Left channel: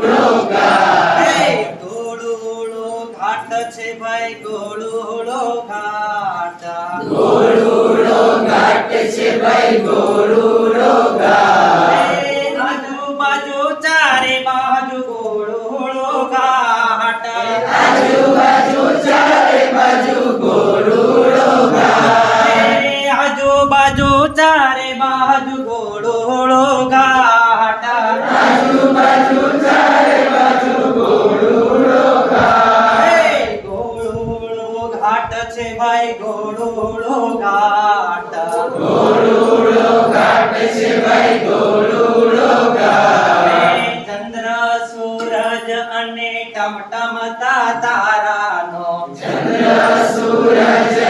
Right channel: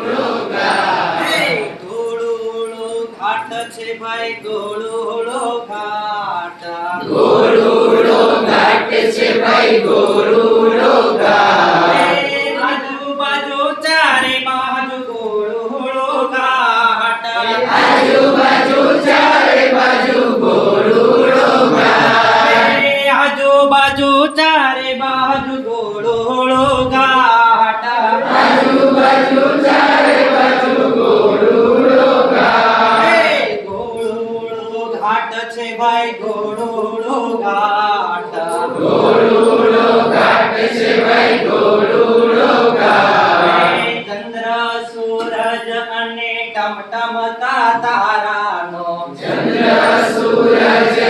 એ ગોળુડો ઘાટ છે ભાઈ ગોળુડો ઘાટ એ આજુબાજુ ચારે બાજુ ગોળુડો ઘાટ એ આજુબાજુ ચારે બાજુ ગોળુડો ઘાટ એ ગોળુડો ઘાટ છે ભાઈ ગોળુડો ઘાટ ચંદ્ર સૂરજ અને ટમટમતા તારાનો એ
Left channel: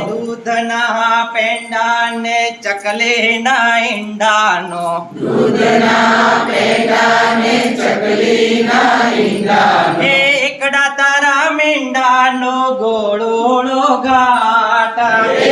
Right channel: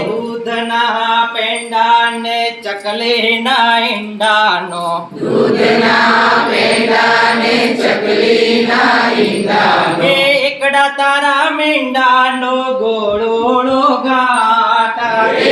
છે ભાઈ ગોળોળો ઘાટ એ દૂધના પેંડા ને ચકલીના ઈંડાનો એ દૂધના પેંડા ને ચકલીના ઈંડાનો એ એકડા તારા મીંડાનો ગોળોળો ઘાટ એ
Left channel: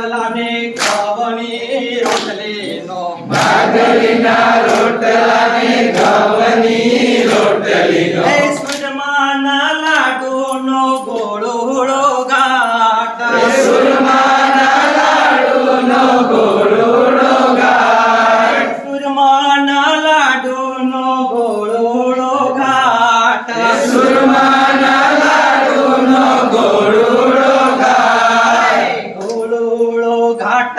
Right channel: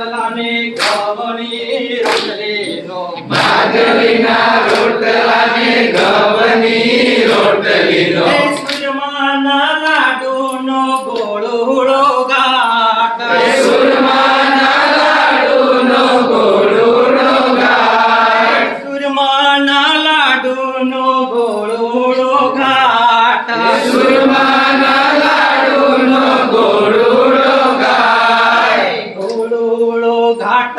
રોટલાને ઘવણી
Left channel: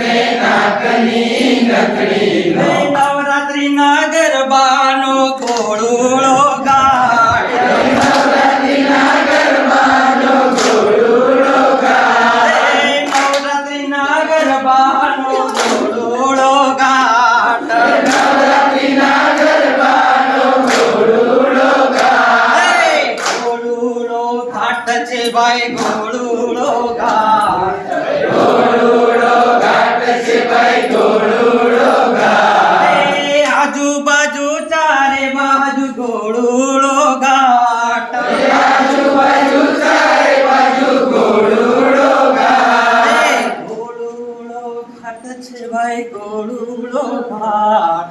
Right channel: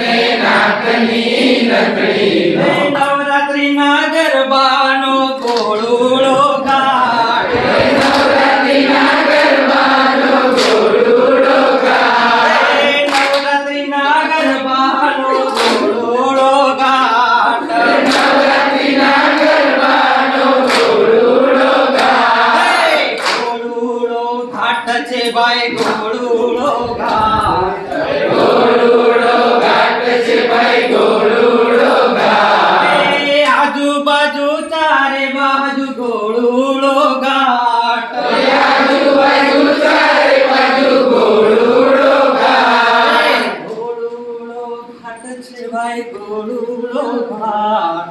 ને નાગની નથડીનો એ નવરાત્રિના ગરબાનો ગોળોળો ઘાટ ઘાટ છે ભાઈ ગોળોળો ઘાટ. એ આજુબાજુ ચારે બાજુ ગોળોળો ઘાટ. એ ગોળોળો ઘાટ છે ભાઈ ગોળોળો ઘાટ.